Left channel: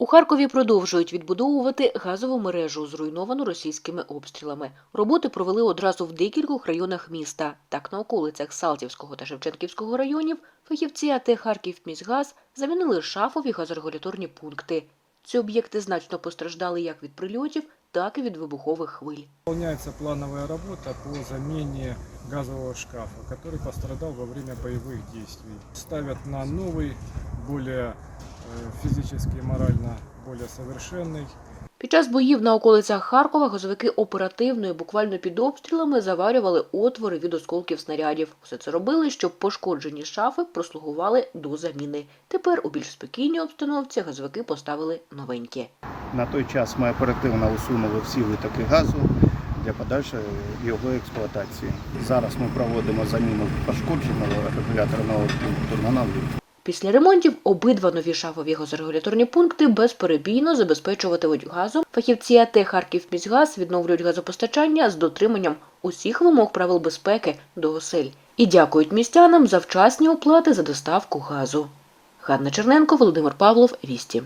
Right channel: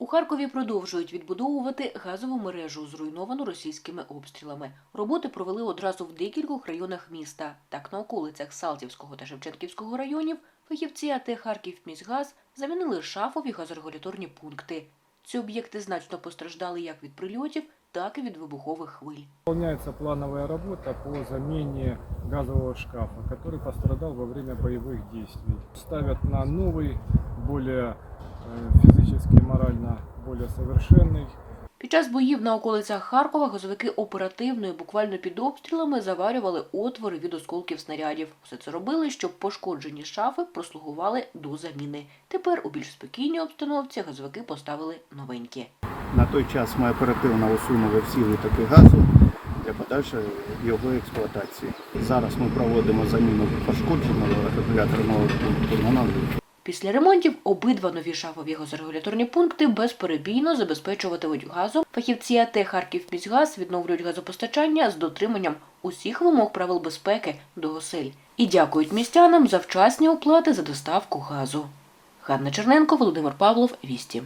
У Харкові продовжують відбудовувати газову мережу, зруйновану російськими обстрілами. Роботи провели одразу в декількох районах міста. Так, на околицях Салтівського та Шевченківського районів фахівці АТ «Харківміськгаз» замінили шафові газорегуляторні пункти. Ці об'єкти значно постраждали як від прильотів, так і від вибухових хвиль. Выполняется плановая работа по замене газового шкафа, который пострадал во время боевых действий. Ставят на новый, более физически и морально более совершенный. Під час боїв на околицях Харкова газовики оперативно і буквально під обстрілами заварювали отвори від осколків снарядів. Все це робили, щоб пошкоджені шафи прослугували до заміни. Тепер у більш спокійній обстановці газовики поставили новенькі. На той час ми оперативно усунули всі витоки газу для подальшої його експлуатації. Зараз ми проводимо заміну пошкодженого регуляторного пункту на новий. Після ремонтів обидва нові шафові газорегуляторні пункти безперебійно забезпечуватимуть газом. Фахівці АТ «Харківміськгаз» відновлюють газопостачання з дотриманням усіх вимог правил безпеки до осель і дякують містянам за вчасні оплати за доставку газу. Ганна Черненко, Володимир Павлов, Вісті.